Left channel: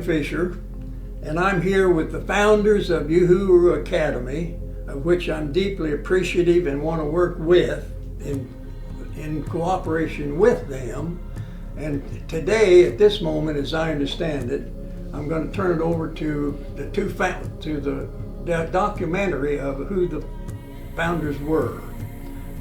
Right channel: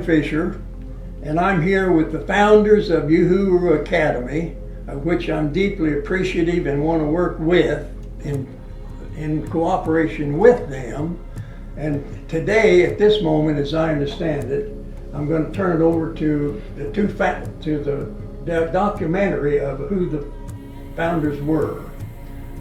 Sam Fisher, and I'm here with the founders of Uhuru Academy, of which I'm deeply appreciative and want to work with in cooperation with them. And today, at this moment, as I understand it, I'm going to turn it over to the documentary of who the founders were.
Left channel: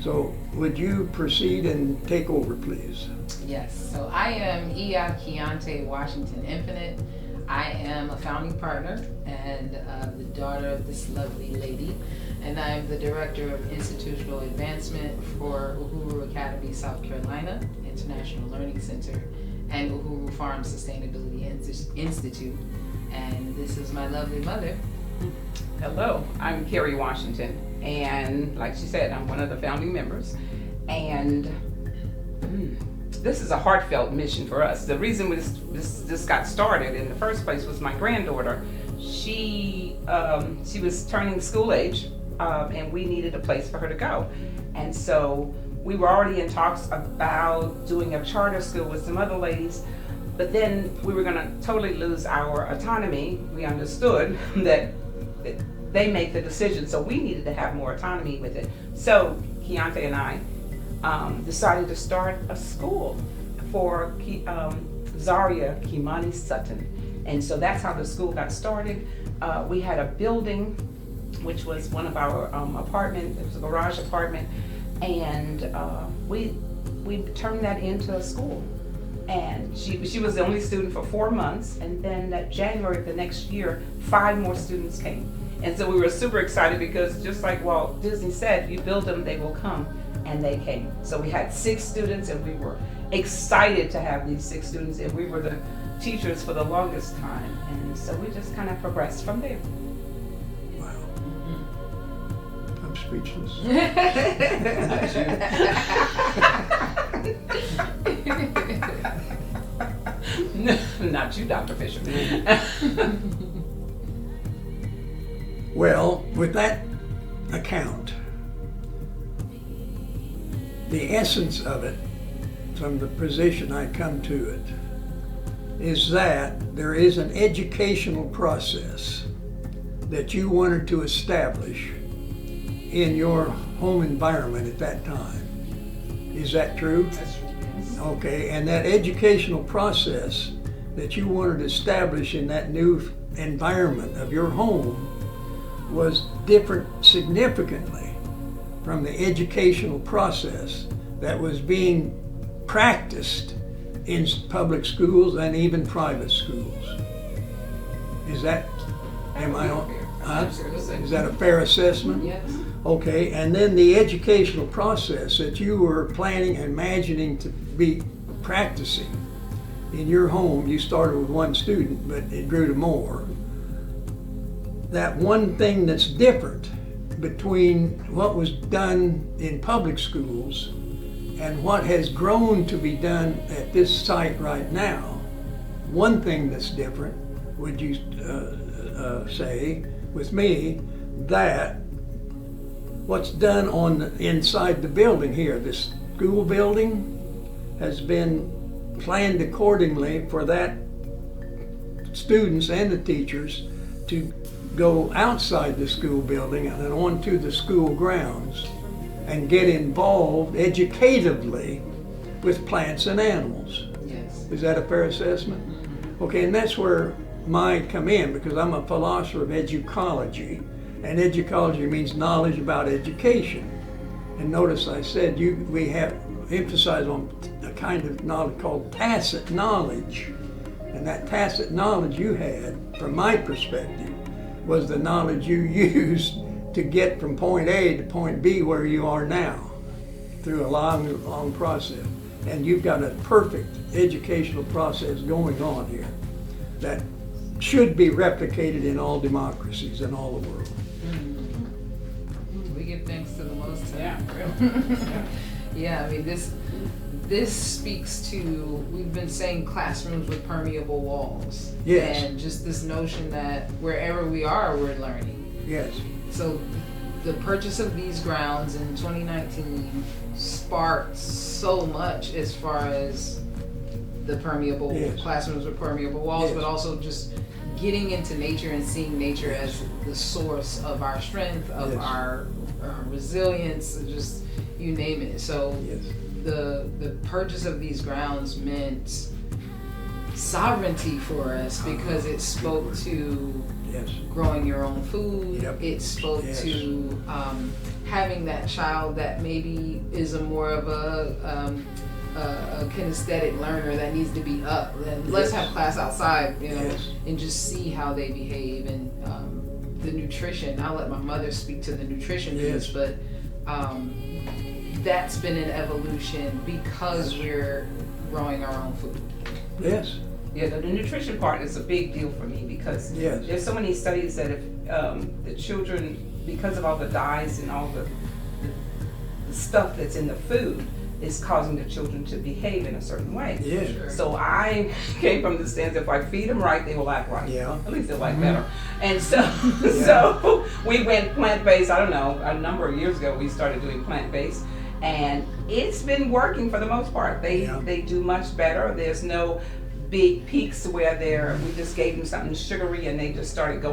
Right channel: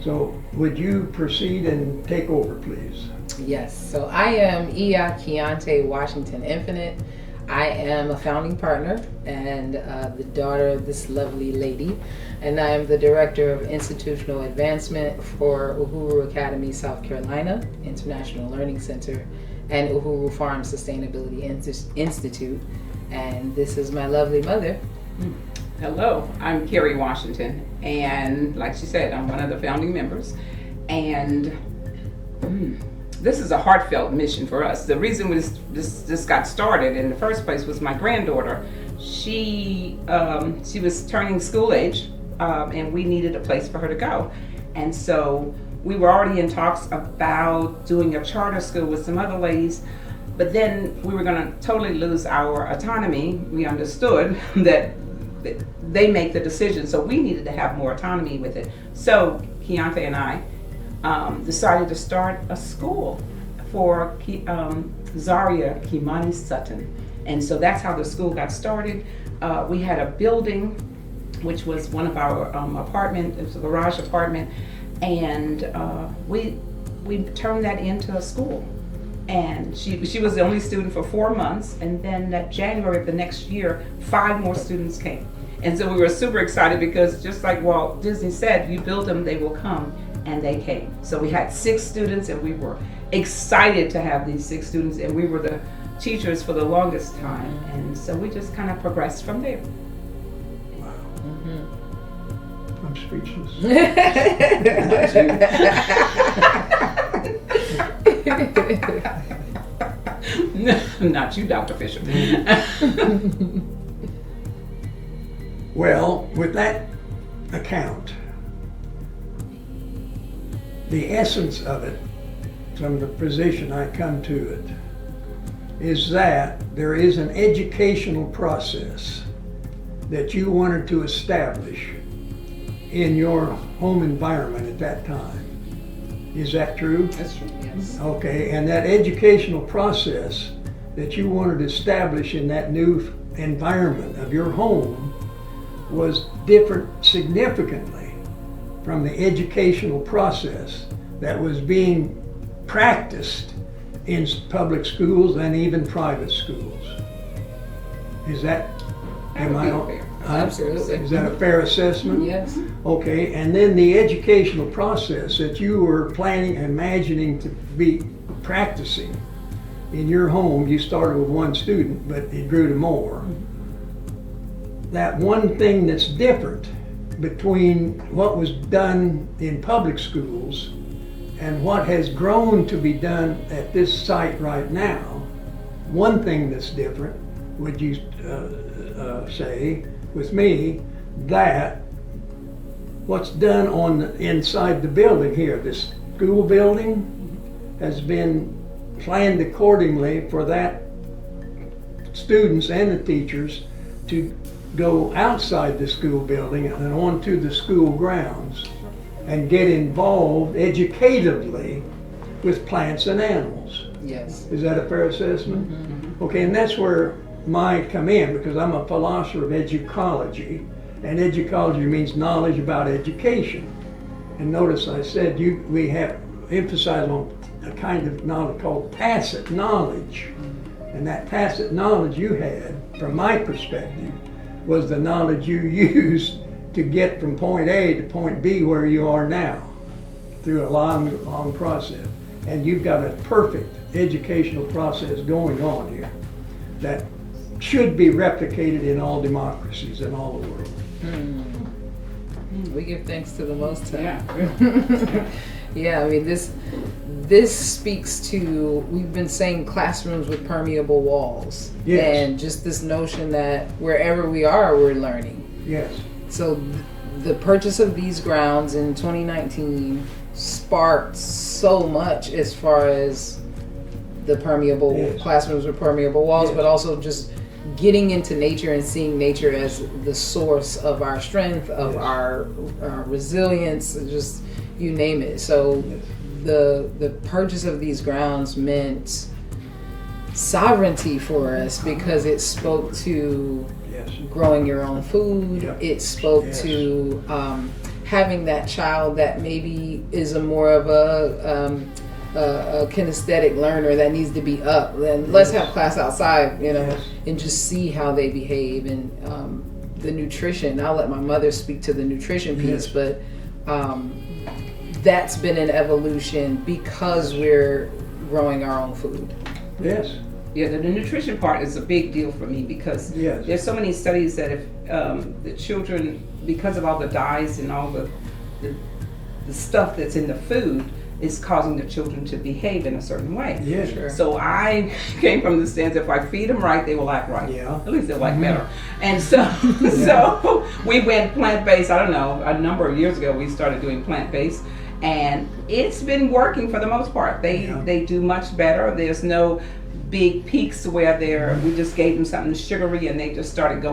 So would you proceed and take over, please? Yes, so I am Iya Keontae Washington Infinite. I am a founding partner and the daughter of this lovely lady, and I am the director of institutional advancement for Uhuru Academy, South Carolina, International Learning Center, and Uhuru Farm Sustainability Institute. And this is my lovely mother. Hello, I'm Carrie Washington, and like she said, I'm one of the founding members. And this is a heartfelt mission for us. The reason this got started in the first place was my granddaughter. She was turning school age, and we needed a place for her to go. And so we were already in talks about doing a charter school with some other ladies, but then we were going to totally lose our autonomy. We understood that they make the decision, so we needed to have more autonomy with it. So Keontae and I decided to start a school for Zaria Kimani Sutton. And so that's how the school got started. We had a building, which was one of our apartment, it was a garage apartment, and we turned that into a school. And she was the only student for 4 months, and then that January of the next year, 5 more students came. And so we were super excited because just like Walt Disney said, you build them, they will come, and they came. So we had 6 students, and we were excited to have these 6 students, and we were the teachers for the longest time. And so we just kind of progressed from there. Wow. I'm speechless. Not you, Dr. Fisher. Well, with that account, the essence of it, from the position I come to it, is that there is an educational process that you wanted to establish in your home environment at that time. Is that true? That's true, yes. Okay, and that educational process that you wanted to establish in that new environment of your home was different significantly from the educational process that was being practiced in public schools and even private schools. Is that, am I on? Absolutely. Is that a fair assessment? Yes. Okay, and then the educational process that you were planning, imagining to be practicing in your home, you started with 1 student, but it grew to more. That one thing that's different between what was done in public schools and what has grown to be done at this site right now, one thing that's different, would you say, with me, that what's done on inside the building here, this school building, has been planned accordingly for that students and the teachers to go outside the school building and onto the school grounds and get involved educatively with plants and animals. Yes. Is that a fair assessment? Mm-hmm. Okay, and that's where I come in, because I'm a philosopher of educology, and educology means knowledge about education. And notice I said we have emphasized on a kind of knowledge called tacit knowledge. And that tacit knowledge you had, from my perspective, was the knowledge you used to get from point A to point B where you are now, through a long process. And you've got a perfect educational process going on here that should be replicated in all democracies in all the world. We give thanks to the Most High. Yeah. Yeah, I mean, this speaks to, we've been saying classrooms with permeable walls. Yes. And just this notion that wherever we are, we're learning. Yes. So the purchase of these grounds in 2019 sparked so much as far as the permeable classrooms with permeable walls, but also just getting into nature and seeing nature as the source of our strength, of our resilience, just you name it. So the purchase of these grounds meant sovereignty for us because it spoke to growing your own food. It spoke to having that child that maybe is a more of a kinesthetic learner that needs to be up. And let's have class outside, and just see how they behave. And the nutrition, I'll let my mother speak to the nutrition piece, but that's been an evolution because we're growing our own food. Yes. Yeah, the nutrition part is a big deal for me because there's so many studies that if the children, because of all the dyes and all the stuff that's in the food, is causing the children to behave in a certain way. Yeah, sure. So I came from the stance, if I feed them right, they will act right. Yeah. At least they'll act better. And so, so we went plant-based. I don't know, a number of years ago we started doing plant-based, and it's been working for the most part. They do much better. There's no big peaks where we just gave them something sugary and they just started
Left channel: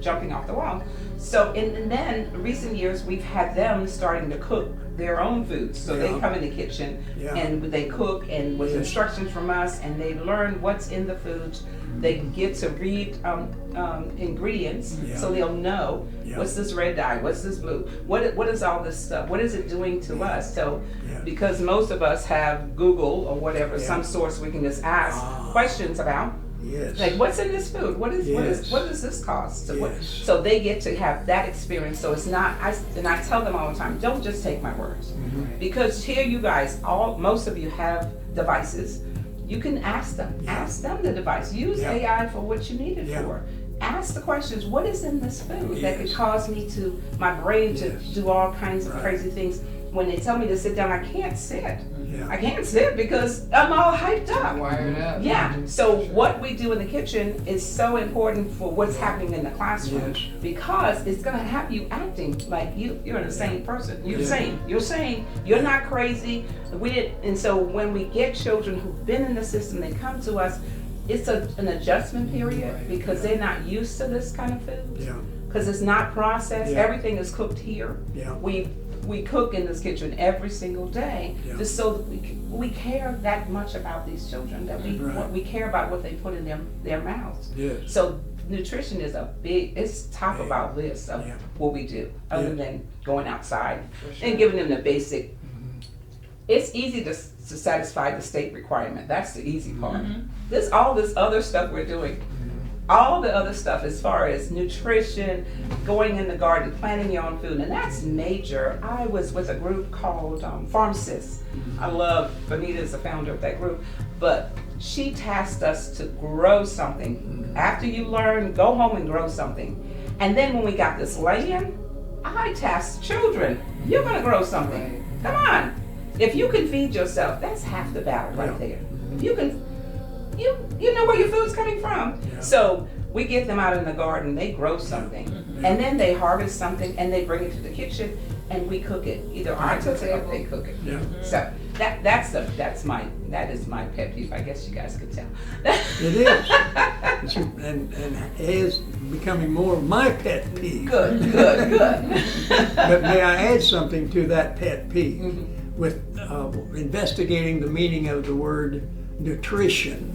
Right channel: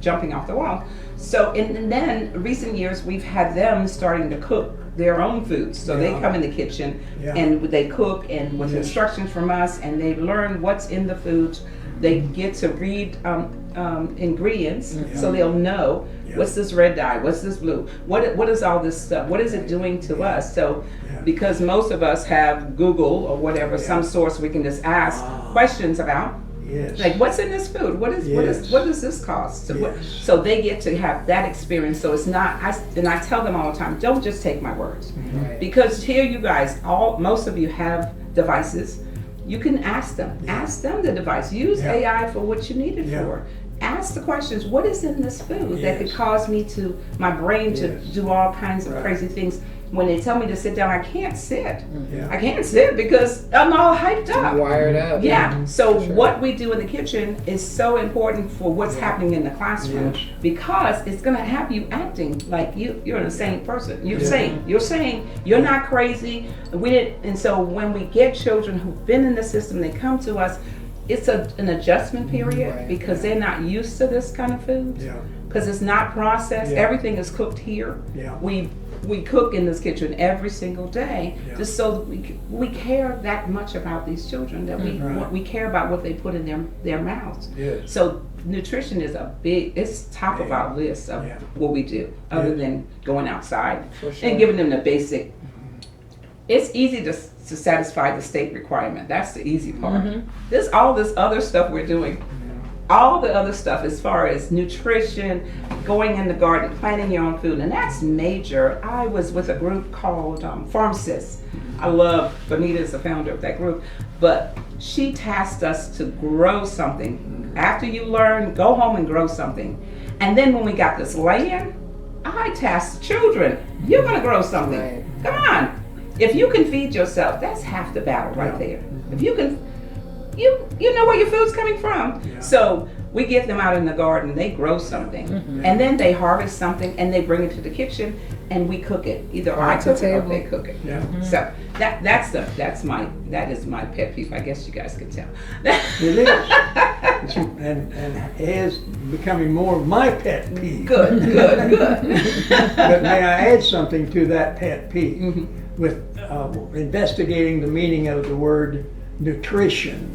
jumping off the wall. So, and then recent years we've had them starting to cook their own foods. So they come in the kitchen and they cook and with instructions from us, and they learn what's in the foods. They get to read ingredients, so they'll know what's this red dye, what's this blue, what is all this stuff, what is it doing to us? So because most of us have Google or whatever, some source we can just ask questions about. Like, what's in this food? What does this cost? So they get to have that experience. So it's not, and I tell them all the time, don't just take my words. Because here you guys, most of you have devices. You can ask them the device. Use AI for what you need it for. Ask the questions, what is in this food that could cause my brain to do all kinds of crazy things? When they tell me to sit down, I can't sit. I can't sit because I'm all hyped up. Wired up. Yeah. So what we do in the kitchen is so important for what's happening in the classroom because it's going to have you acting like you're an insane person. You're saying you're not crazy. And so when we get children who've been in the system, they come to us. It's an adjustment period because they're not used to this kind of food. Because it's not processed. Everything is cooked here. We cook in this kitchen every single day, just so that we care that much about these children, that we care about what they put in their mouths. So nutrition is it's top of our list of what we do, other than going outside and giving them the basic. It's easy to satisfy the state requirement. That's the easy part. There's all this other stuff we're doing. All the other stuff as far as nutrition, going in the garden, planting your own food, and that's major. I was with a group called Pharmacist. I love, Bonita is the founder of that group, but she tasked us to grow something. After you learn, go home and grow something. And then when we got this land, I tasked children, you're gonna grow something. Come on. If you can feed yourself, that's half the battle right there. If you can, you know where your food's coming from. So we get them out in the garden, they grow something, and then they harvest something and they bring it to the kitchen and we cook it. Either I cook it or they cook it. So that is my pet peeve. I guess you guys can tell. It is. And it is becoming more of my pet peeve. Good. But may I add something to that pet peeve? With investigating the meaning of the word nutrition,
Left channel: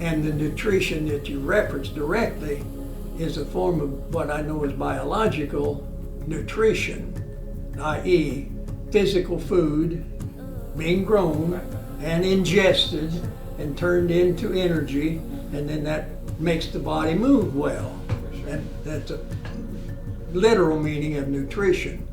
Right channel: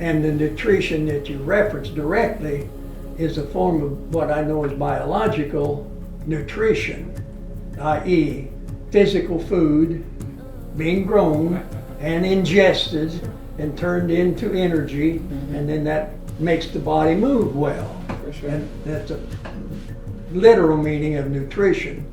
and the nutrition that you reference directly is a form of what I know as biological nutrition, i.e. physical food being grown and ingested and turned into energy, and then that makes the body move well. That's a literal meaning of nutrition.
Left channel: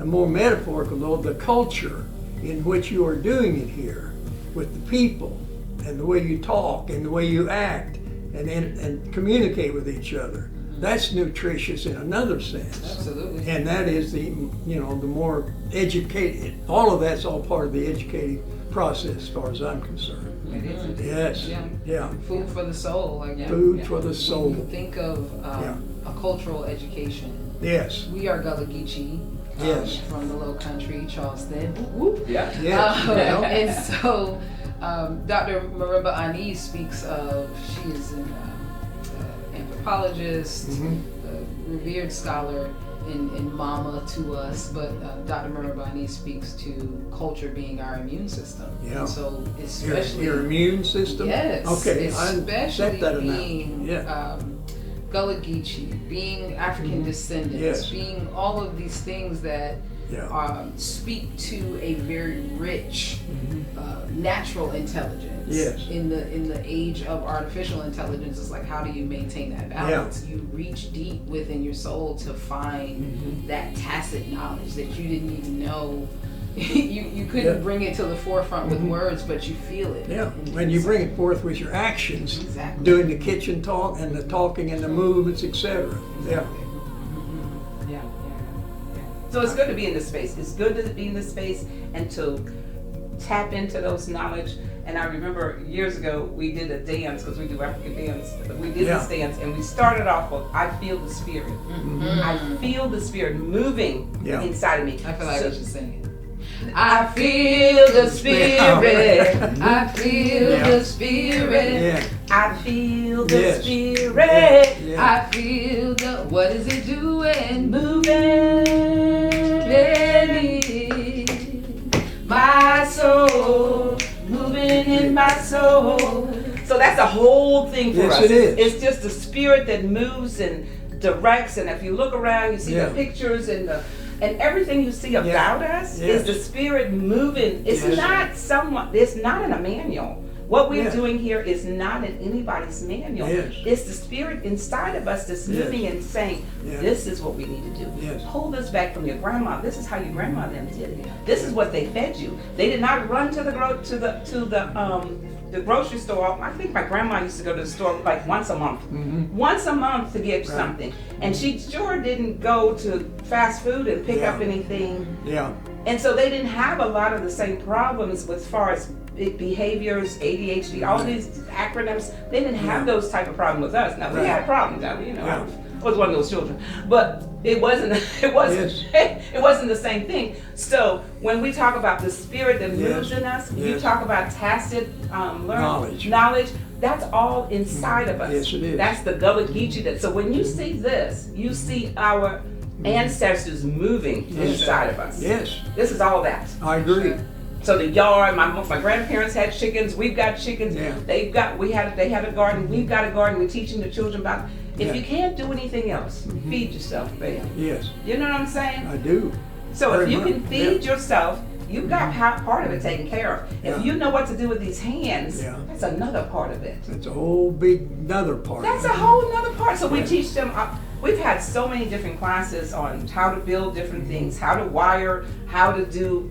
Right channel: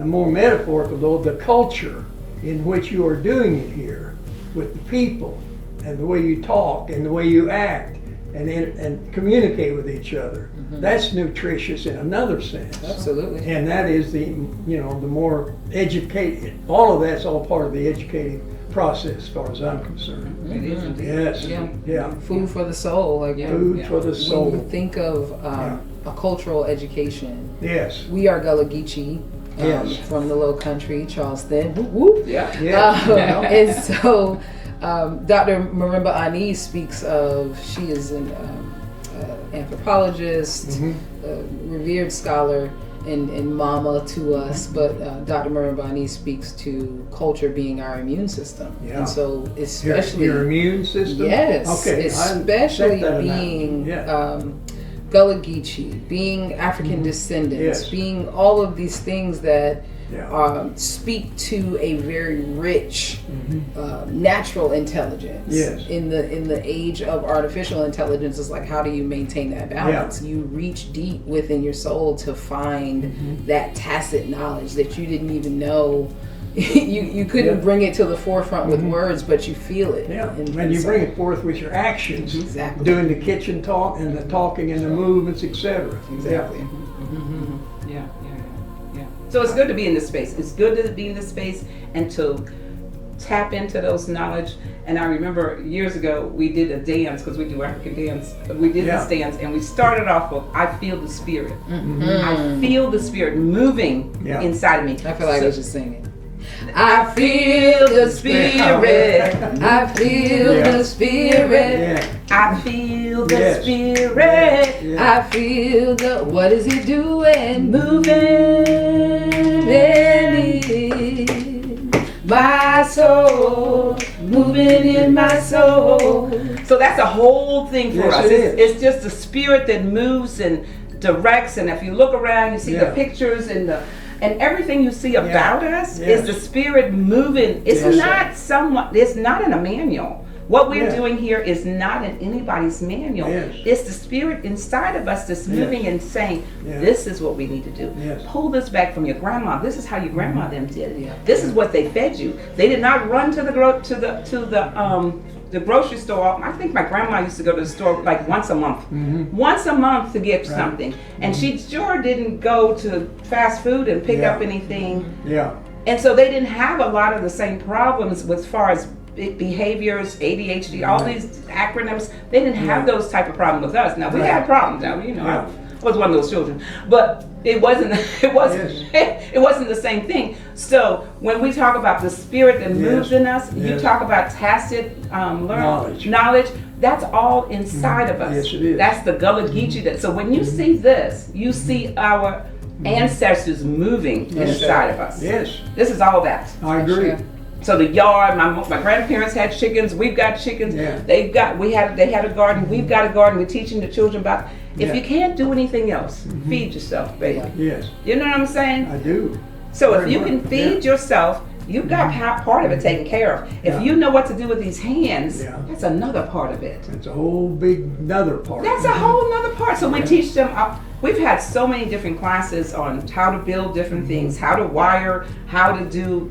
A more metaphorical though, the culture in which you are doing it here, with the people and the way you talk and the way you act and communicate with each other. That's nutritious in another sense. Absolutely. And that is the more educated, all of that's all part of the educating process as far as I'm concerned. It is. Yes. Food for the soul. Food for the soul. When we think of a cultural education, Yes. we are Gullah Geechee. From the Low Country, Charleston. Whoop, whoop. Yeah. And so Dr. Marimba Ani speaks of, she is an anthropologist, a revered scholar, and mama to us, but Dr. Marimba Ani speaks to culture being our immune system. Yeah. And so especially... Your immune system? Yes, Okay, especially being Gullah Geechee, being African descendants, Yes. being all of these things that Yeah. speak to a very rich natural intelligence. Yes. In the age of artificial intelligence, it's like, how do you maintain that balance? Yeah. You reach deep within your soul to find that tacit knowledge that you didn't even know. you couldn't bring it to the forefront with words, but you feel it. Yeah, and you bring it forth with your actions, Exactly. doing the kitchen talk and the talking and the movements, etc. Exactly. Yeah. So it's good to be in this space. It's good to be in this space and to tap into those knowledge. And I remember years ago we did a dance, because we do African dance. We did this dance and we started off with "I feel the spirit." I feel the spirit moving inside of me. I feel like I was just singing. I feel the spirit. I feel the spirit. I feel the spirit. I feel the, what is it doing? Moving in my soul. Moving in my soul. So that's a whole thing for us. Yes, it is. It's just the spirit that moves and directs. And if you look around, you see the pictures and everything you see about us is the spirit moving. It's not someone. It's not in a manual. What we're doing here is not in anybody's manual. It's the spirit inside of us that's moving and saying, "This is what we need to do. Pull this back from your grandma. This is how your grandma them did it. This is what they fed you. They did not run to the grocery store. I think my grandma used to go to the store like once a month. Once a month to get something. And she sure didn't go to fast food and pick up anything. And so they didn't have a lot of the same problems as far as behaviors, ADHD, all these acronyms. They didn't have those type of problems with us. Now we had problems. Now, I was one of those children, but it wasn't the same thing. So when we talk about the spirit that moves in us, you talk about tacit knowledge. That's all inside of us. Yes, it is. That's the Gullah Geechee. So when you see this, you see our ancestors moving inside of us. Yes. This is all that. I agree. So the yard, my grandparents had chickens. We've got chickens. They had a garden. We've got a garden. We're teaching the children about. If you can't do anything else, feed yourself, baby. Yes. You know what I'm saying? I do. So if you can feed yourself, you've got part of it taken care of. If you know what to do with these hands, that's another part of it. It's a whole big another part. That's a whole nother part. So we teach them. We've had so many different classes on how to build different things, how to wire, how to do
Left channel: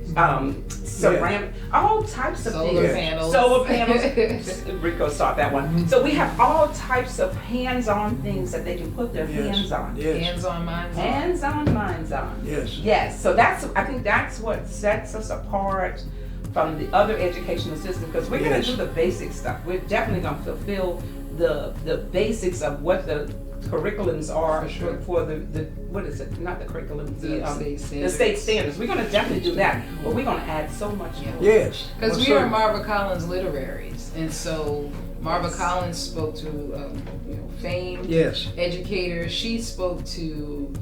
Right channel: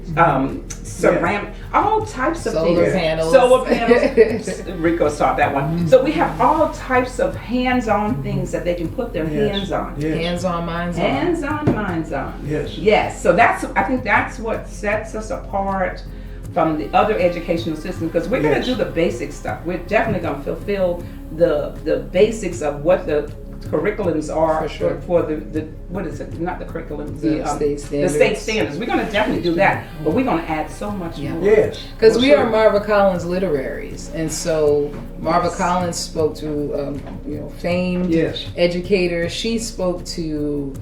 ceramic, all types of solar things. panels. Solar panels. Rico saw that one. So we have all types of hands-on things that they can put their hands on. Yes. Hands-on, minds on. Hands-on, minds on. Yes. Yes. So I think that's what sets us apart from the other educational system, because we're going to do the basic stuff. We're definitely going to fulfill the basics of what the curriculums are for the what is it? Not the curriculums, state standards. The state standards. We're going to definitely do that, but we're going to add so much more. Yes. Because we are Marva Collins literaries, and so Marva Collins spoke to famed educator. She spoke to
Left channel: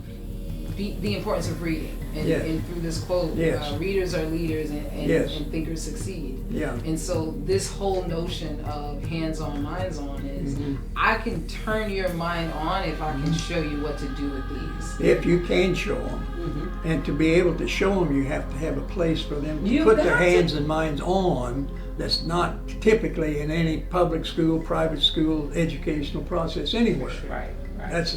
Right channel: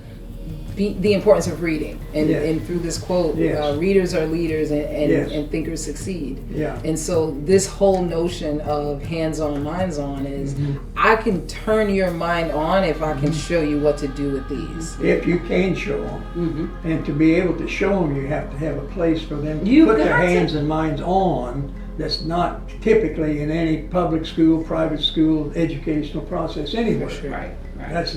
the importance of reading, and through this quote, readers are leaders and thinkers succeed. And so this whole notion of hands-on, minds-on is I can turn your mind on if I can show you what to do with these. If you can show them, and to be able to show them, you have to have a place for them to put their hands and minds on. That's not typically in any public school, private school, educational process anywhere. Right. That's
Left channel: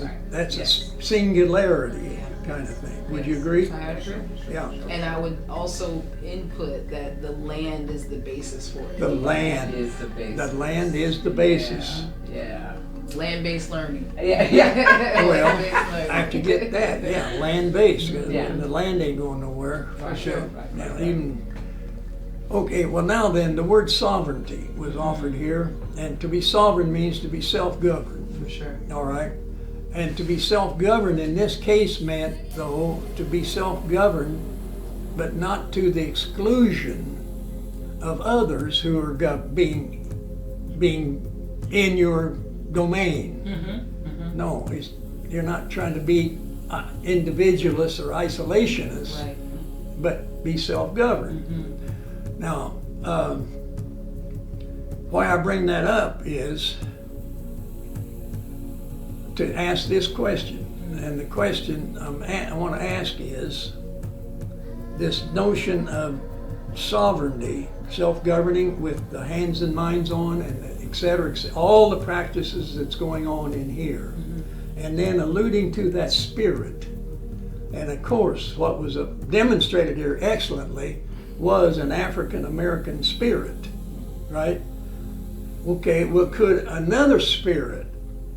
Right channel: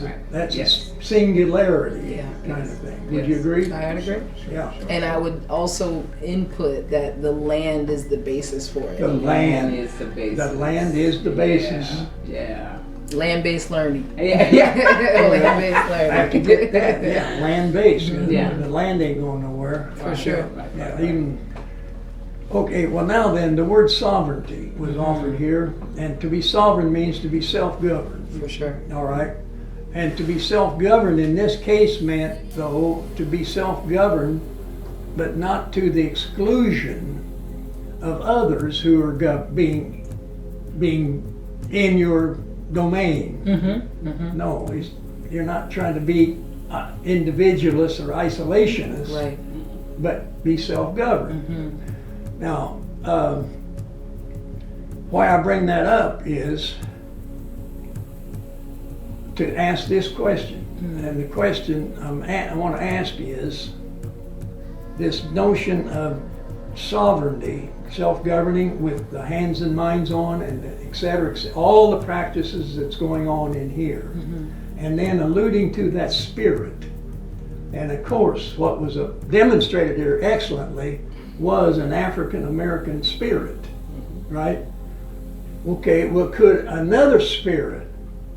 a singularity kind of thing. Would you agree? I would agree. Yeah. And I would also input that the land is the basis for it. The land is the basis. The land is the basis. Yeah. Land-based learning. I Land-based learning. have to get that. Land-based. The land ain't going nowhere. For sure. Okay, well now then, the word sovereignty was offered here, and to be sovereign means to be self-governed. For sure. All right? And to be self-governed in this case meant, though, to be self-governed, but not to the exclusion of others who are being in your domain. No, you're not trying to be individualist or isolationist, Right. but be self-governed. Now, why I bring that up is to ask this question. And the question I want to ask is this notion of sovereignty, self-governing with the hands and minds on, and et cetera, all the practices that's going on in here. And then alluding to that spirit. And of course, what was demonstrated here excellently was an African American spirit, right? Okay, well, could another spirit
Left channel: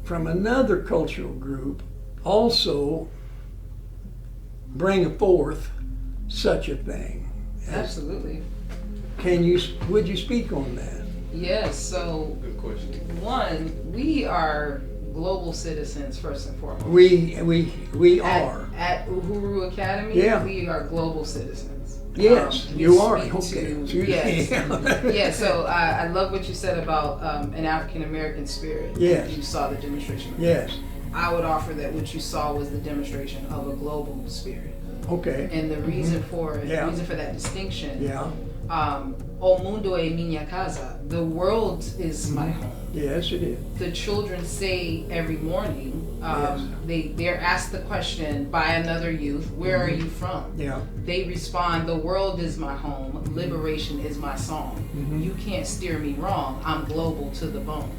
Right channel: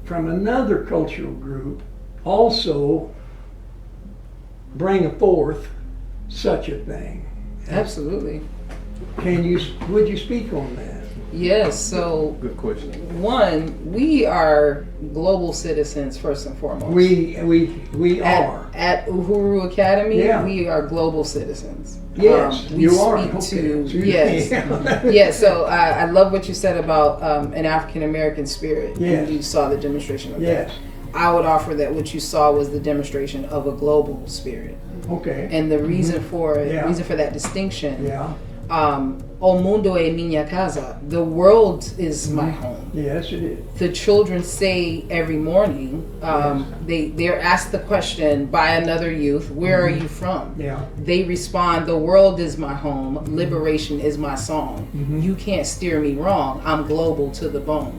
from another cultural group also bring forth such a thing? Absolutely. Would you speak on that? Yes, so Good question. one, we are global citizens first and foremost. We are. At Uhuru Academy, Yeah. we are global citizens. Yes, We you are. speak Okay. to, yes. Yeah, so I love what you said about an African American spirit. Yes. You saw the demonstration of Yes. that. I would offer that what you saw was the demonstration of a global spirit. Okay. And the reason for it, Yeah. reason for that distinction, Yeah. O mundo é minha casa. The world is my home. Yes, it is. The children say every morning, they're asked the question by another youth, where are you from? Yeah. They respond, the world is my home, liberation is my song. You can't steer me wrong, I'm global to the bone.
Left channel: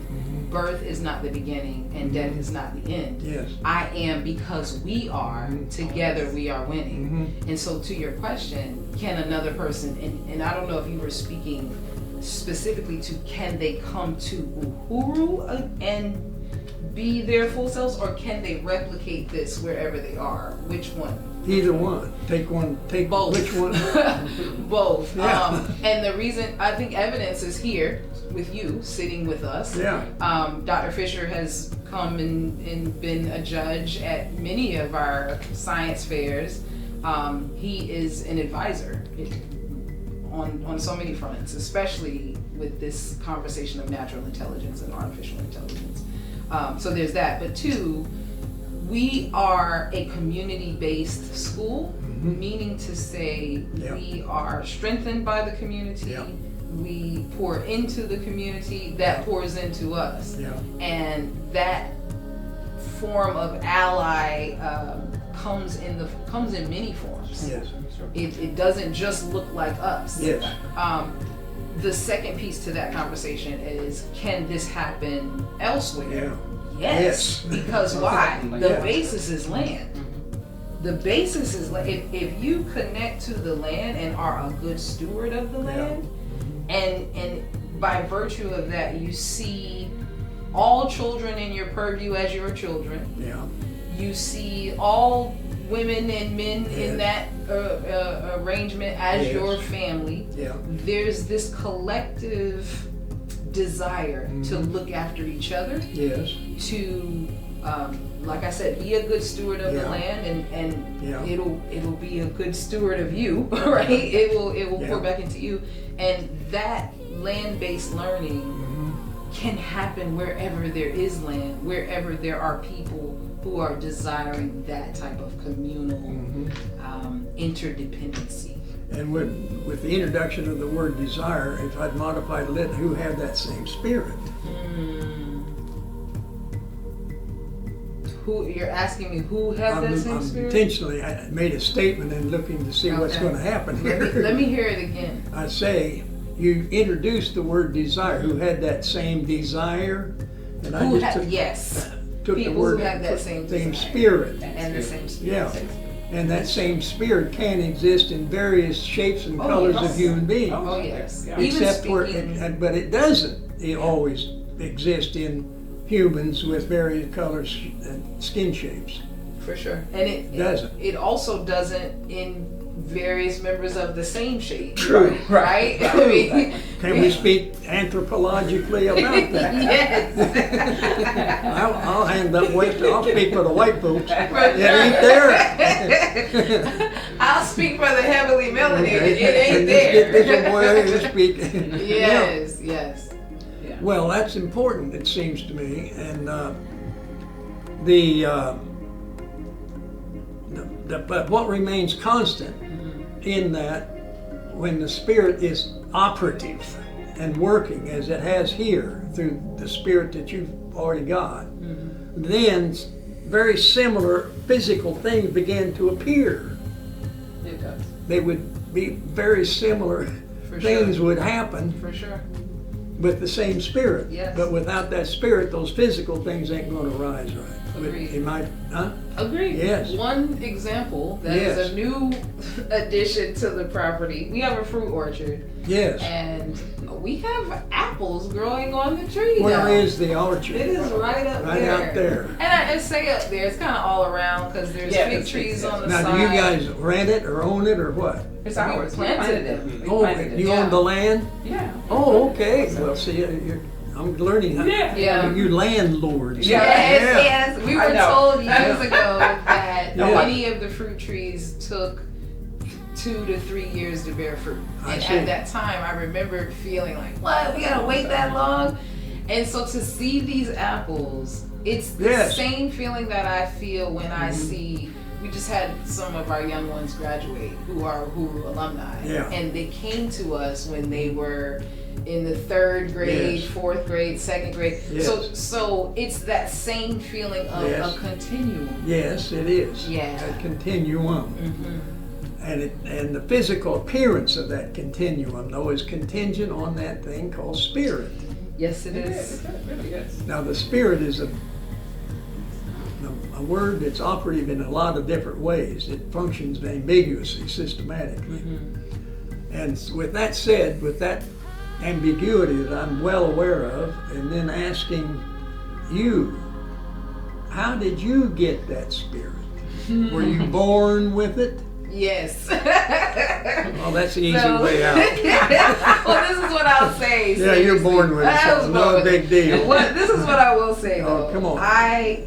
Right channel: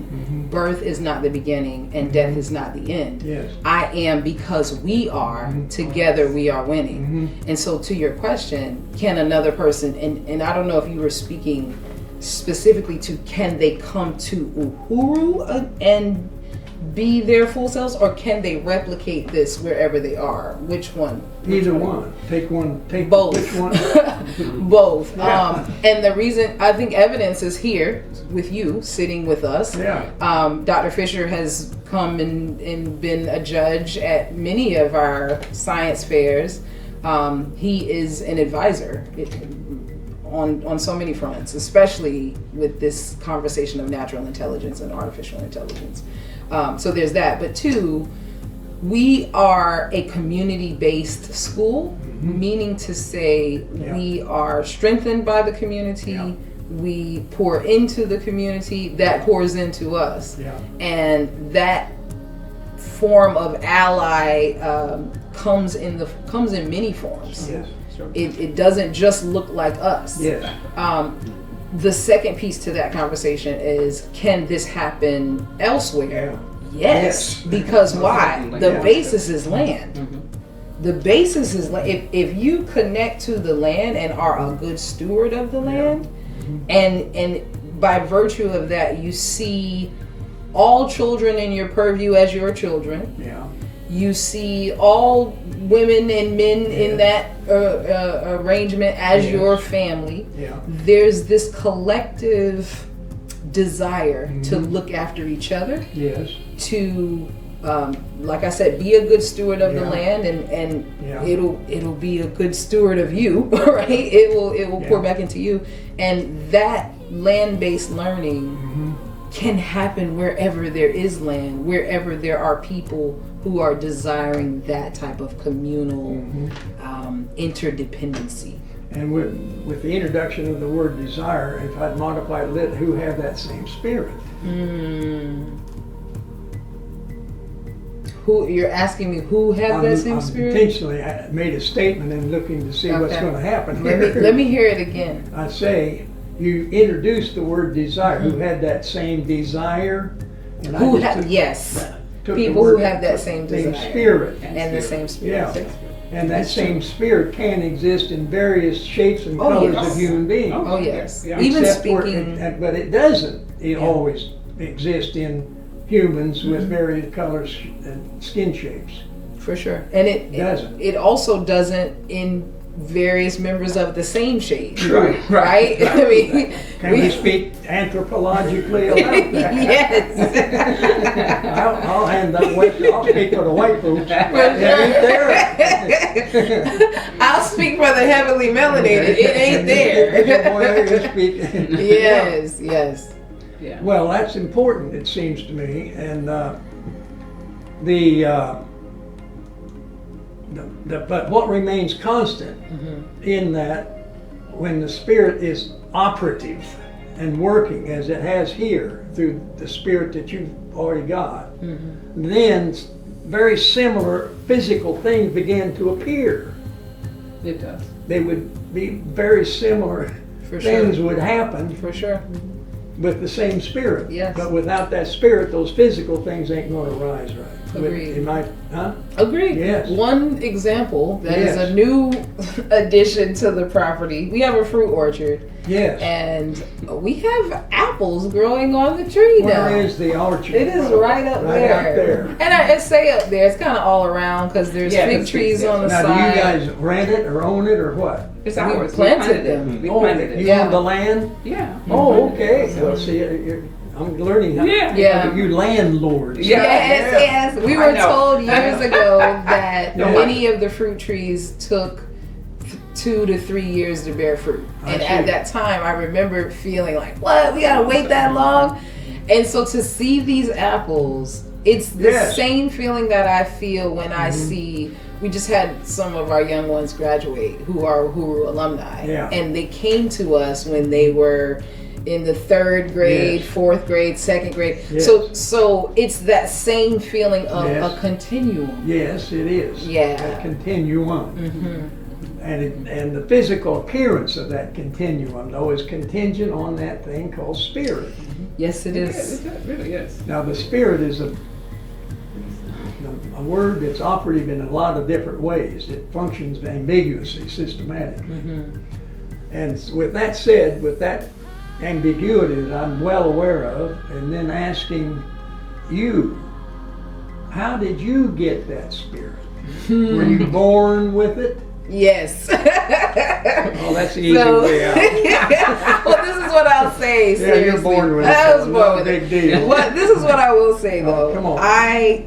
Birth is not the beginning and death is not the end. Yes. I am because we are, together we are winning. And so to your question, can another person, and I don't know if you were speaking specifically to can they come to Uhuru and be their full selves, or can they replicate this wherever they are? Which one? Either one. Take one. Take Both. Which one? Both. Yeah. And the reason, I think evidence is here with you, sitting with us. Yeah. Dr. Fisher has come and been a judge at many of our science fairs. He is an advisor on so many fronts, especially with this conversation of natural intelligence and artificial intelligence. So there's that. But two, we are a community-based school, meaning to say we are strengthened by the community. Yeah. We pour into the community that pours into us. Yeah. And that form of ally comes in many forms. Yes. It doesn't just look like us. Yes. The second piece to that conversation is, can this happen elsewhere? Yeah. Yes. Because why? The basis is land. The basis is if you connect to the land and are a good steward of the land, and by virtue of that you see all children in your purview as your children. Yeah. You see all women and men in that arrangement as your family. Yeah. There's this collective desire to look after each other, Yes. to like I said, be a good steward of the Yeah. land, and Yeah. it'll be a good steward of you, right? It will pour Yeah. back into you, and that land-based learning can happen wherever there is land, wherever there are people who are desiring that type of communal interdependency. And with the introduction of the word desire, if I'd modify it a little, who have that same spirit? Who you're asking me? Who have that same I'm spirit? intentionally, I made a statement and looking to see what's Okay. going to happen. Let me hear it again. I say, you introduced the word desire. Who had that same desire? And I Who just have took- yes? took the People who word- have that same desire spirit. and the same spirit. Yeah. And that same spirit can exist in various shapes and Oh, colors yes. of human beings. Oh yes. Yeah. Even Except for- speaking. but it doesn't always exist in humans with various colors and skin shapes. For sure. And Doesn't. it also doesn't in various members of the same shade. Right. Right? I mean, Can we speak anthropologically about that? yes. I'll speak for the white folks. For They're sure. there. I'll speak for the heavily melanated. It ain't there. Yes, yes. Yeah. Well, that's important, it seems to me, and but what remains constant in that, when the Spirit is operative and working as it has here through the Spirit that you've already got, then very similar physical things begin to appear. It does. They would be very similar. For Things sure. would happen For sure. with the same Spirit. Yes. But without that Spirit, those physical things ain't gonna rise right. Agreed. It might, huh? Agreed. Yes. One example that is Yes. a new addition to the property. We have a fruit orchard, Yes. and we have apples growing on the tree now. Where is the orchard? It is right up Right there. out there. And I say up there, it's kind of all around because there's Yeah, fig it's trees fig, on the Now, do side. you guys rent it or own it or what? It's We ours. planted them. We Oh, planted it. you Yeah. own the land? Yeah. Oh, okay. Well, see, I'm learning how. Yeah. Yeah. You landlords. Yeah. Yes. We I were know. told years ago that Yeah. many of the fruit trees took 2 to 3 years to bear fruit. I And see. at that time, I remember feeling like, what? We gotta wait that long? And so to see these apples, it's the Yes. same feeling that I feel when I see. We just had some of our young ones graduate who are Uhuru alumni. Yeah. And they came to us when they were in the 3rd grade, Yes. 4th grade, 2nd grade. Yes. So it's that same feeling of Yes. a continuum. Yes, it is. Yeah. That continuum. Mm-hmm. And the physical appearance of that continuum, though, is contingent on that thing called spirit. Yes, it It is. really is. Now, the spirit is a word that's operative in a lot of different ways. It functions ambiguously, systematically. Mm-hmm. And with that said, with that ambiguity that I'm well aware of, and then asking you, how did you get that spirit? Were you born with it? Yes. Well, that's the easy So- way out. Well, this is what I'll say. Yeah, you're Seriously. born with it. I was so born no with big it. deal. What, this is what I will say Oh, though. come on.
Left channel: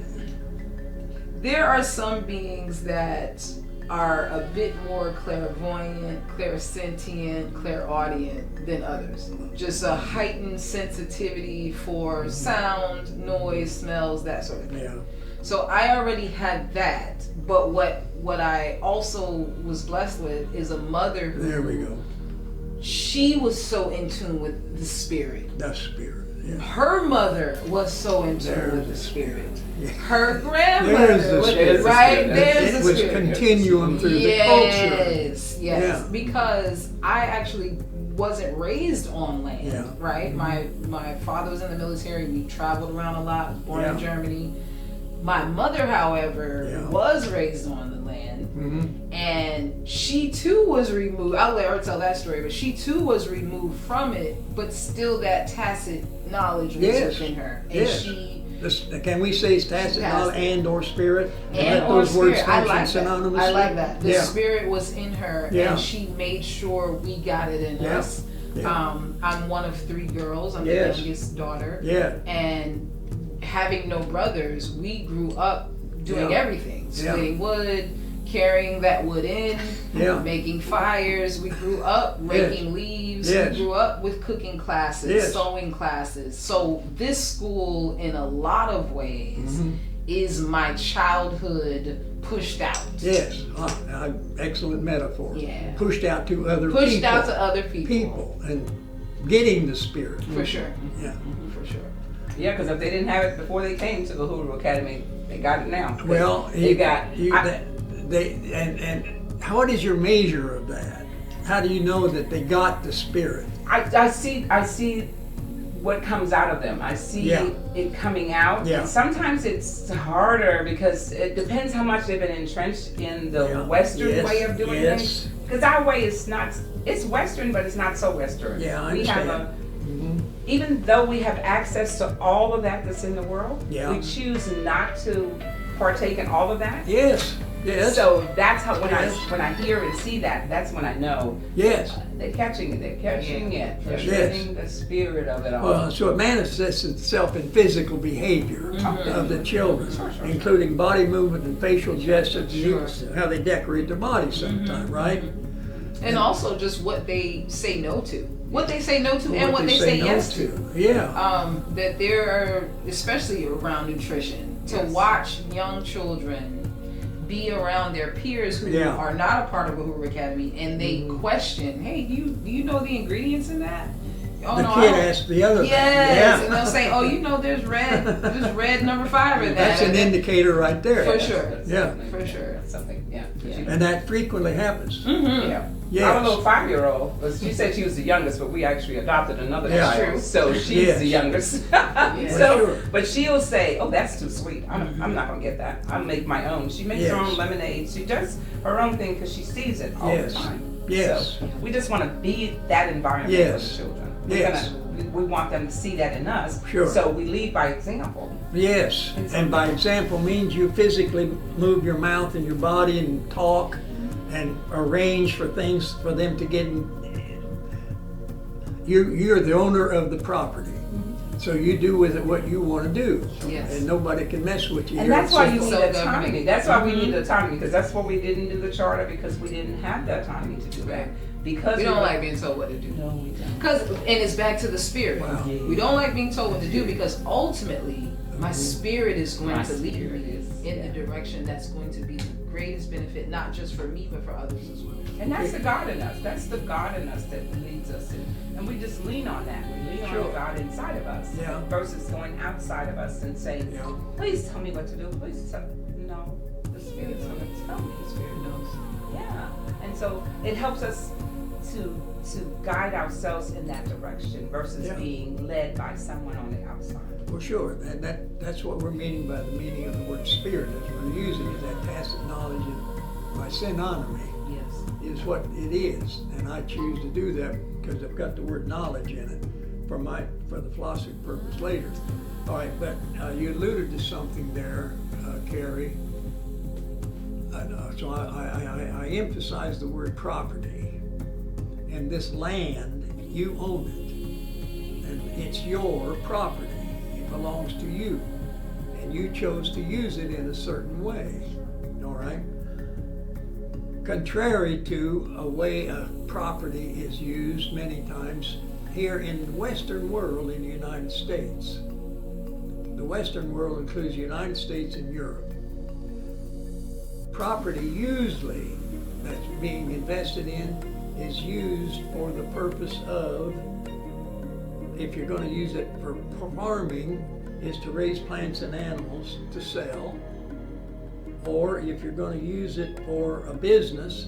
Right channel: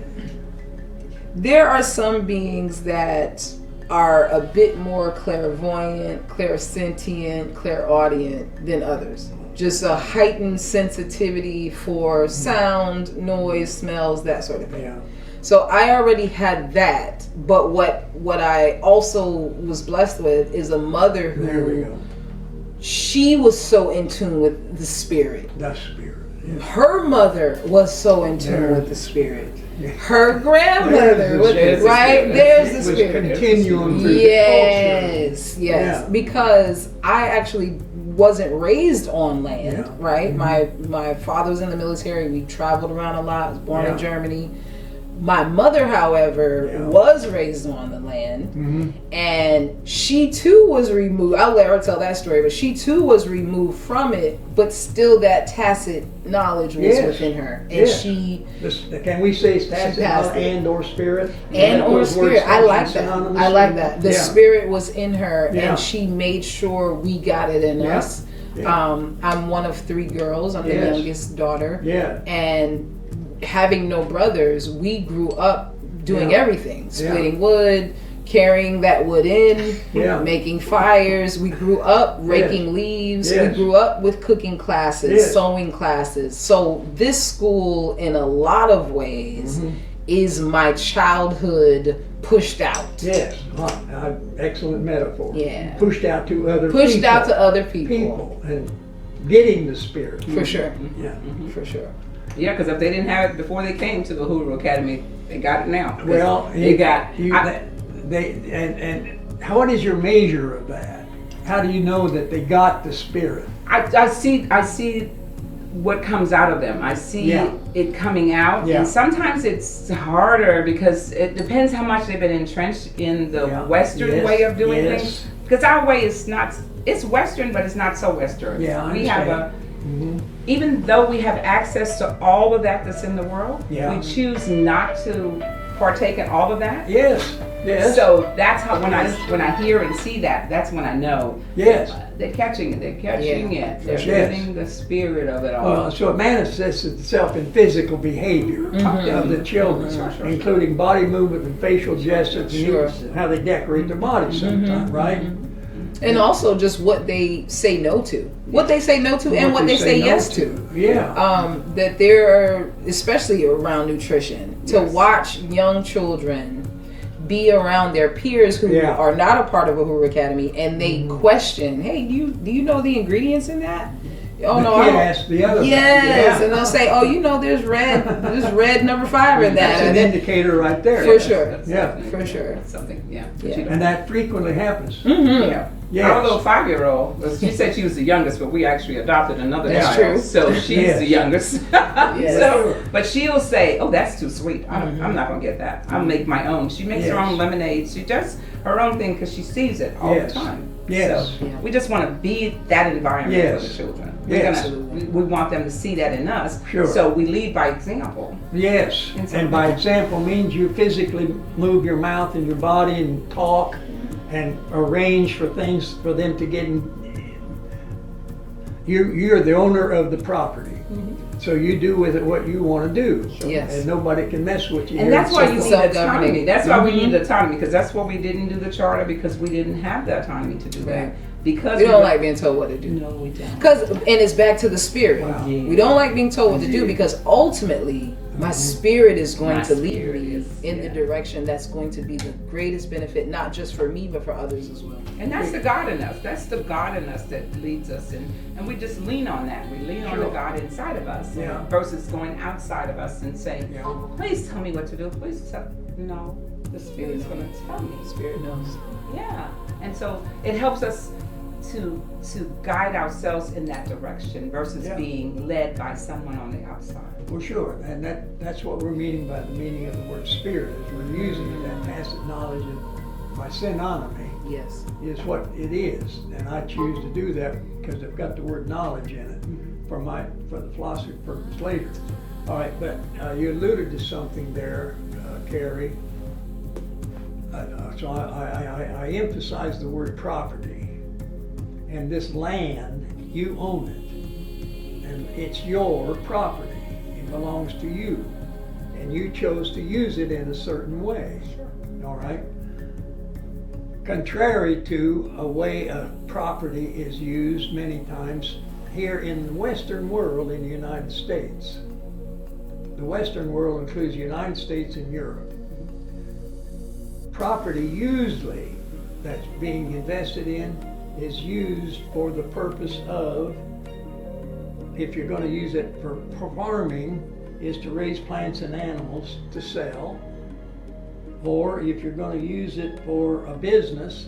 There are some beings that are a bit more clairvoyant, clairsentient, clairaudient than others. Just a heightened sensitivity for sound, noise, smells, that sort of thing. Yeah. So I already had that, but what I also was blessed with is a mother who There we go. she was so in tune with the spirit. The spirit. Yeah. Her mother was so in tune There. with the spirit. Yeah. Her grandmother, There's the was, spirit. right? It There's It the was spirit. continuum through the culture. Yes, Yeah. because I actually wasn't raised on land, Yeah. right? My father was in the military. We traveled around a lot. I was born in Yeah. Germany. My mother, however, Yeah. was raised on the land, Mhm. and she too was removed. I'll let her tell that story, but she too was removed from it, but still that tacit knowledge was Yes. within her, and Yes. she Can we say tacit, passed not it. and or spirit? and Let or those words spirit. I like function that. synonymously? I like that. The Yeah. spirit was in her, Yeah. and she made sure we got it in Yeah. us. Yeah. I'm one of 3 girls. I'm the Yes. youngest daughter, Yeah. and having no brothers, we grew up doing Yeah. everything: splitting wood, carrying that wood in, Yeah. making fires. We grew up raking leaves. Yes. We grew up with cooking classes, Yes. sewing classes. So this school, in a lot of ways, Mhm. is my childhood pushed out. Yes. Excellent metaphor. Yeah. Pushed out to other Pushed people. out to other people. people and getting the spirit. For sure. Yeah. For sure. Yeah, because if they didn't have it before they came to the Uhuru Academy, they got it now. Well, they got. what is your measure of that? How do you know that they got the spirit? I see what comes out of them. I see Yeah. it coming out, Yeah. and sometimes it's harder because it depends how much they've been entrenched in the Yeah. Western Yes. way of doing Yes. things. Because our way is not. It's Western, but it's not so Western. Yeah, I we have understand. even though we have access to all of that that's in the world, Yeah. we choose not to partake in all of that. Yes. Yes. So that's how when I hear and see that, that's when I know Yes. they're catching it. They're catching Yeah. it. They're Yes. getting the spirit of it all. So it manifests itself in physical behavior of the children, including body movement and facial gestures, Sure. and how they decorate their bodies sometimes, right? And also just what they say no to. What they say no to and what they say no yes to. Yeah. That there are, especially around nutrition, to Yes. watch young children be around their peers who Yeah. are not a part of Uhuru Academy, and they question, hey, do you know the ingredients in that? Oh The no, kid I don't. asks the other. Yes, Yeah. and they'll say, oh, there's red number 5 in that. That's an And then- indicator right there. For sure. Yeah. For sure. Something, yeah. Yeah. And that frequently happens. Mm-hmm. Yeah. Yes. Our little 5-year-old, she said she was the youngest, but we actually adopted another That's child. true. So she's Yes. the youngest. Yes. So, but she'll say, "Oh, that's too sweet. I'm not gonna get that. I'll make my own." She makes her Yes. own lemonade. She does her own thing because she sees it all Yes. the time. Yes. So we just want to be that environment for Yes. the children. Yes. We want them to see that in us. Sure. So we lead by example. Yes, And and by example means you physically move your mouth and your body and talk and arrange for things for them to get in. You're the owner of the property, so you do with it what you want to do. Yes. And nobody can mess with you. And that's why you need Self-governing. autonomy. That's why we need autonomy, because that's why we didn't do the charter, because we didn't have the autonomy to do that. Right. Because We don't like being told what to do. No, we don't. And it's back to the spirit. Wow. We don't like being told what to do because ultimately my spirit is going My to lead spirit me is, in the direction that's going to be the greatest benefit, not just for me, but for others as well. And that's the God in us. That's the God in us that leads us. And we just lean on that. We lean on the Sure. God inside of us Yeah. versus going outside of us and saying, Yeah. please tell me what to do. Please tell. No, the Spirit's going to tell me. Spirit knows. Yeah. And so it helps us to guide ourselves in that direction versus Yeah. being led by someone on the outside. Well, sure, and that's what we're meaning by the meaning of the word spirit. We're using it, that tacit knowledge of my synonymy Yes. is what it is, and I choose to do that because I've got the word knowledge in it for the philosophy purpose later. All right, but you alluded to something there, Carrie. So I emphasize the word property, and this land, you own it, and it's your property. It belongs to you, and you chose to use it in a certain way. All right. Contrary to a way a property is used many times here in the Western world in the United States. The Western world includes the United States and Europe. Property usually that's being invested in is used for the purpose of, if you're going to use it for farming, is to raise plants and animals to sell. Or if you're going to use it for a business,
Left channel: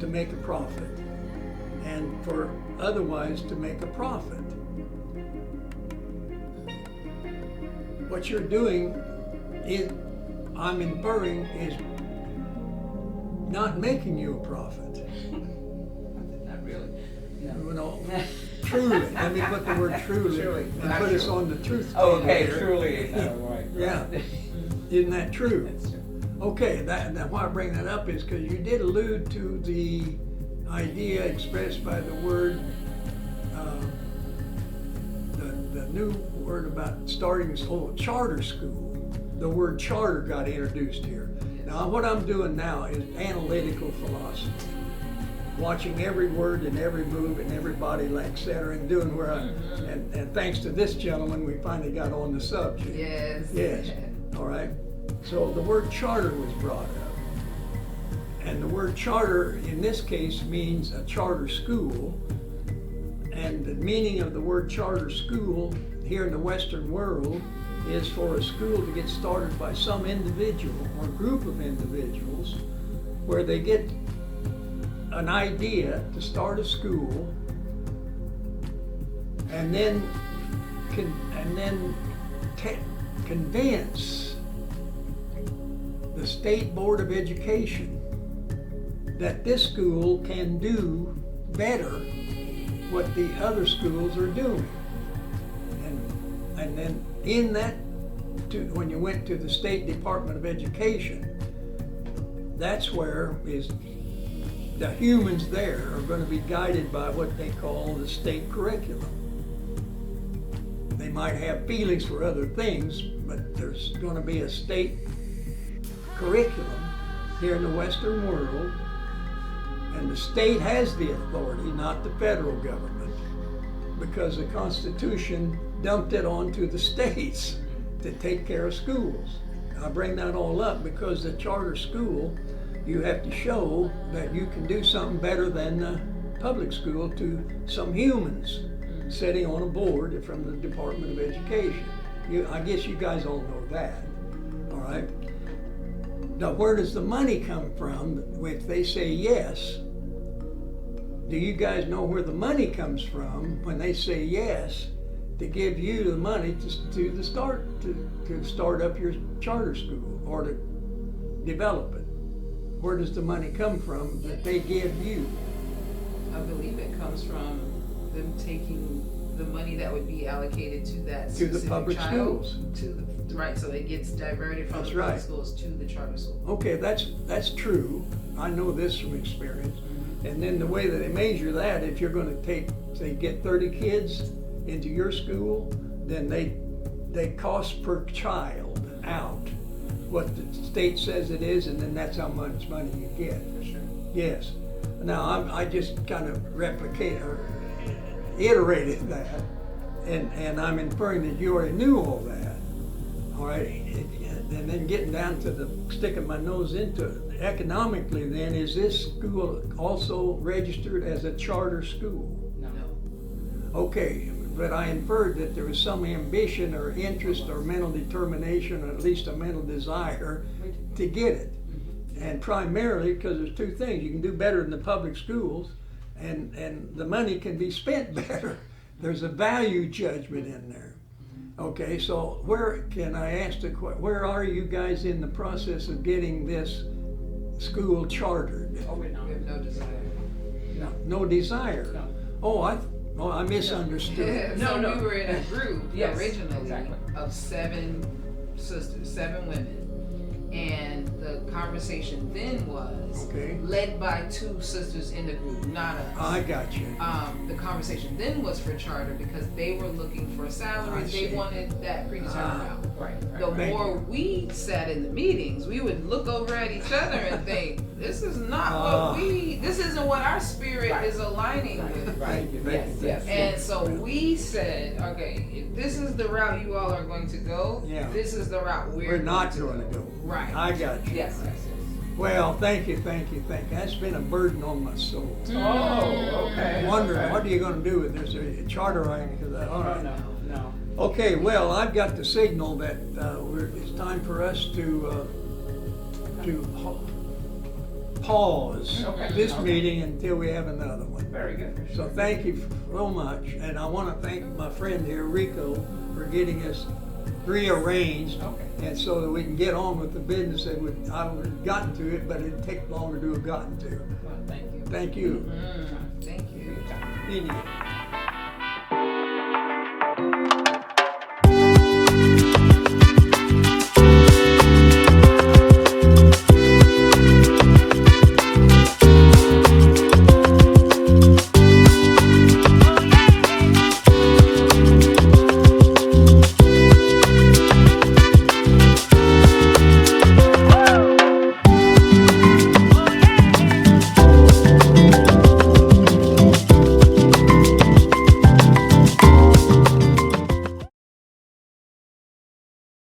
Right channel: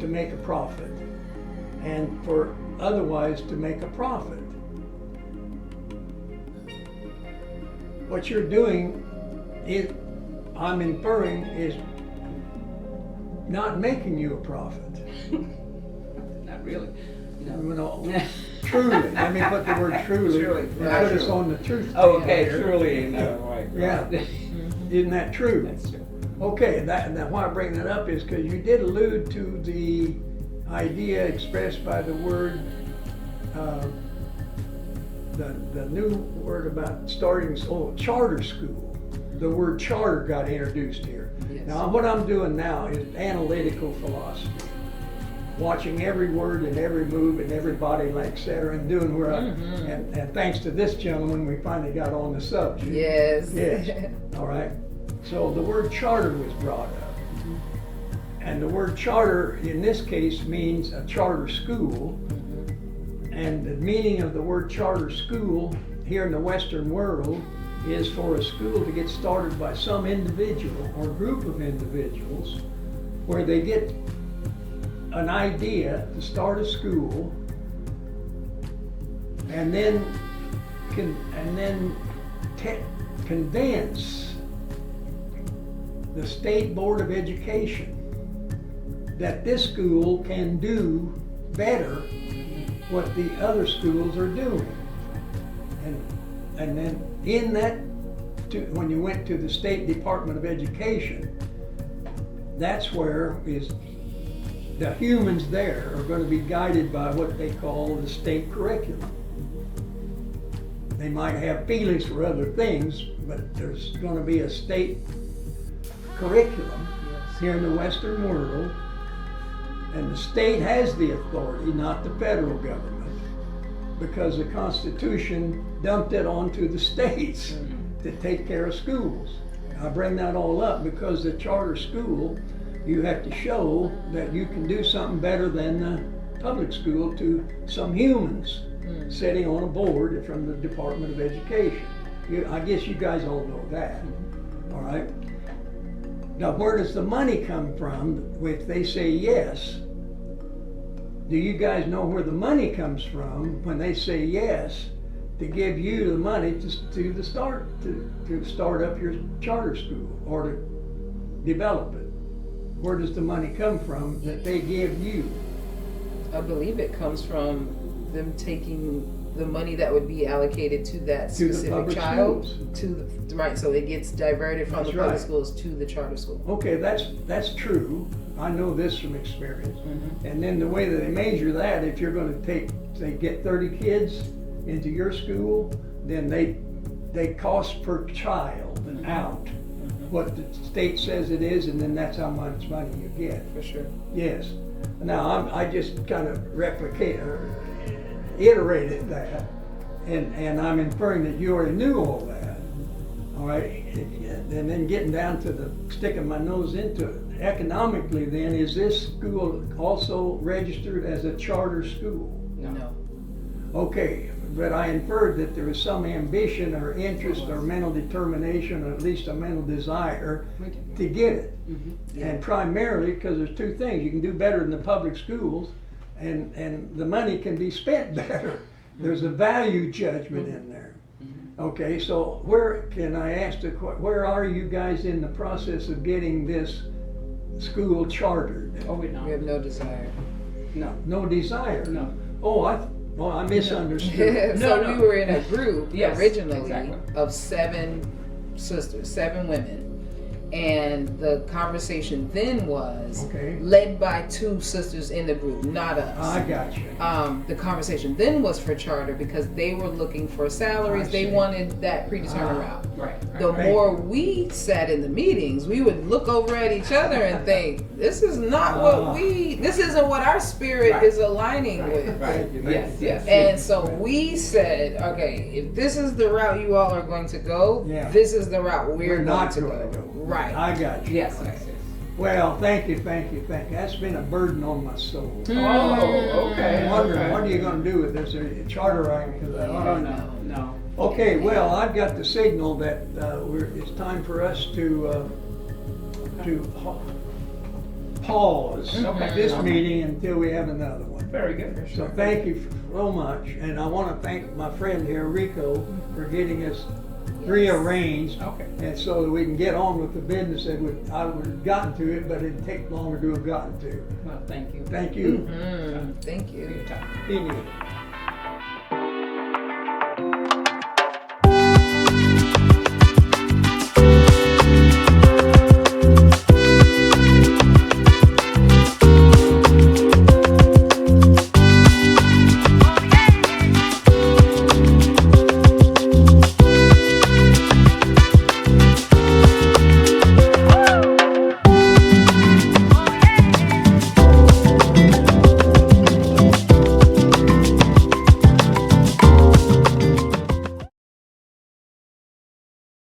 to make a profit, and for otherwise to make a profit. What you're doing, I'm inferring, is not making you a profit. Not really. You know, truly. Let me put the word truly. Truly. Put us on the truth. Oh, okay. there. Truly. No, right. Yeah. Isn't that true? That's true. Okay, now why I bring that up is because you did allude to the idea expressed by the word, the new word about starting charter school. The word charter got introduced here. Yes. Now what I'm doing now is analytical philosophy, watching every word and every move and every body, et cetera, and doing where and thanks to this gentleman, we finally got on the subject. Yes. Yes. All right. So the word charter was brought up. And the word charter in this case means a charter school. And the meaning of the word charter school here in the Western world is for a school to get started by some individual or group of individuals where they get an idea to start a school and then convince the State Board of Education that this school can do better what the other schools are doing. And then in that, when you went to the State Department of Education, that's where the humans there are going to be guided by what they call the state curriculum. They might have feelings for other things, but there's going to be a state curriculum here in the Western world, and the state has the authority, not the federal government, because the Constitution dumped it onto the states to take care of schools. I bring that all up because the charter school, you have to show that you can do something better than the public school to some humans sitting on a board from the Department of Education. I guess you guys all know that, all right? Now, where does the money come from if they say yes? Do you guys know where the money comes from when they say yes to give you the money to start up your charter school or to develop it? Where does the money come from that they give you? I believe it comes from them taking the money that would be allocated to that To the specific public child schools. right, so it gets diverted from That's the public right. schools to the charter school. Okay, that's true. I know this from experience. And then the way that they measure that, if you're gonna get 30 kids into your school, then they cost per child out what the state says it is, and then that's how much money you get. For sure. Yes. Now, I just kind of iterated that, and I'm inferring that you already knew all that, all right? And then getting down to sticking my nose into it. Economically then, is this school also registered as a charter school? No. Okay, but I inferred that there was some ambition or interest or mental determination, or at least a mental desire to get it. And primarily because there's two things. You can do better in the public schools, and the money can be spent better. There's a value judgment in there. Okay, so where are you guys in the process of getting this school chartered? Oh, we We don't. have no desire. No. No desire? No. Oh, I misunderstood. So No. we were in a group Yes, originally exactly. of 7 women. And the conversation then was Okay. led by 2 sisters in the group, not us. I got you. The conversation then was for charter because they were looking for salaries. I They see. wanted that predetermined route. Right. The Right. more we sat in the meetings, we would look over at each other and think, this is not this isn't what our spirit Right. is aligning with. Right. Yes. And so we said, okay, if this is the route you all are going to go, Yeah. this is the route we're going not to going to go. go. Right. I got you. Yes. Well, thank you. That's been a burden on my soul. Oh, okay. I'm wondering, Okay. what are you gonna do with this? A charter right? Oh, no. Okay, well, I've got the signal that it's time for us to pause Okay. this meeting until we have another one. Very good. So thank you so much, and I want to thank my friend here, Rico, for getting us rearranged, Okay. and so that we can get on with the business that I would have gotten to it, but it'd take longer to have gotten to. Well, thank you. Thank you. Thank you. He did.